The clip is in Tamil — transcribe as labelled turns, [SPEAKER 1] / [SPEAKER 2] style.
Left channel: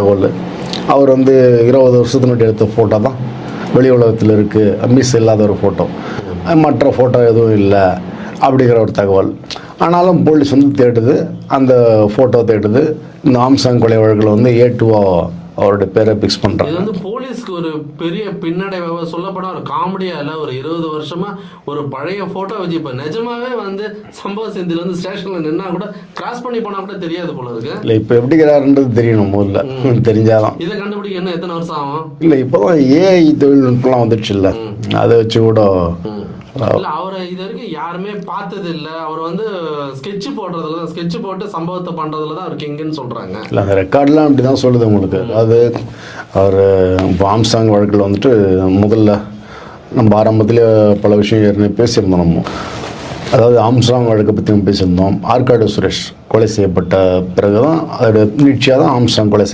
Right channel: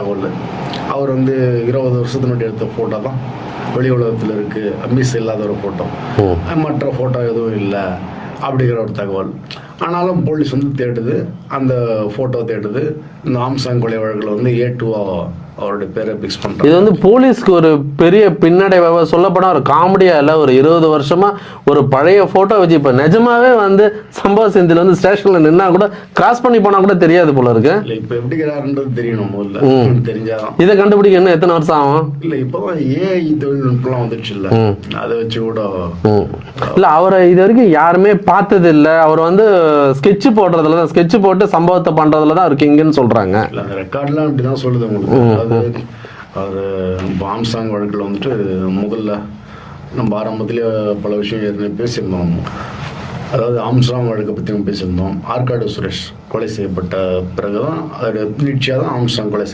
[SPEAKER 1] தகவல். அவர் வந்து இருபது வருஷத்தினுடைய எடுத்த ஃபோட்டோ தான். வெளி உலகத்தில் இருக்குது மிஸ் இல்லாத ஒரு ஃபோட்டோ மற்ற ஃபோட்டோ எதுவும் இல்லை அப்படிங்கிற ஒரு தகவல். ஆனாலும் போலீஸ் வந்து தேடுது. அந்த ஃபோட்டோ தேடுது. இந்த ஆம்சாங் கொலை வழக்கில் வந்து ஏ டூவா அவருடைய பேரை ஃபிக்ஸ்
[SPEAKER 2] இது
[SPEAKER 1] பண்ணுறாங்க
[SPEAKER 2] வந்து போலீஸ்க்கு ஒரு பெரிய பின்னடைவாக சொல்லப்போனா ஒரு காமெடியா இல்ல ஒரு இருபது வருஷமா ஒரு பழைய போட்டோ வச்சு இப்ப நிஜமாவே வந்து சம்பவ செந்தில் வந்து ஸ்டேஷன்ல நின்னா கூட கிராஸ் பண்ணி போனா கூட தெரியாது போல இருக்கு.
[SPEAKER 1] இல்லை இப்போ எப்படிங்கிறாருன்றது தெரியணும் முதல்ல. தெரிஞ்சாதான்.
[SPEAKER 2] இதை கண்டுபிடிக்க இன்னும் எத்தனை வருஷம் ஆகும்?
[SPEAKER 1] இல்லை இப்போதான் ஏஐ தொழில்நுட்பம்லாம் வந்துடுச்சு இல்லை அதை வச்சு கூட
[SPEAKER 2] இல்ல அவரை இது வரைக்கும் யாருமே பார்த்தது இல்ல அவர் வந்து ஸ்கெட்ச் போடுறதுல தான் ஸ்கெட்ச் போட்டு சம்பவத்தை பண்றதுல தான் அவர் கிங்குன்னு சொல்றாங்க.
[SPEAKER 1] இல்லை அந்த ரெக்கார்ட்லாம் அப்படி தான் சொல்லுது உங்களுக்கு. அது அவர் பாம்சாங் வழக்கில் வந்துட்டு முதல்ல நம்ம ஆரம்பத்தில் பல விஷயம் ஏற்கனவே பேசியிருந்தோம். நம்ம அதாவது ஆம்சாங் வழக்கை பற்றி நம்ம பேசியிருந்தோம். ஆர்காடு சுரேஷ் கொலை செய்யப்பட்ட பிறகு தான் அதோட நீட்சியாக தான் ஆம்சாங் கொலை செய்ய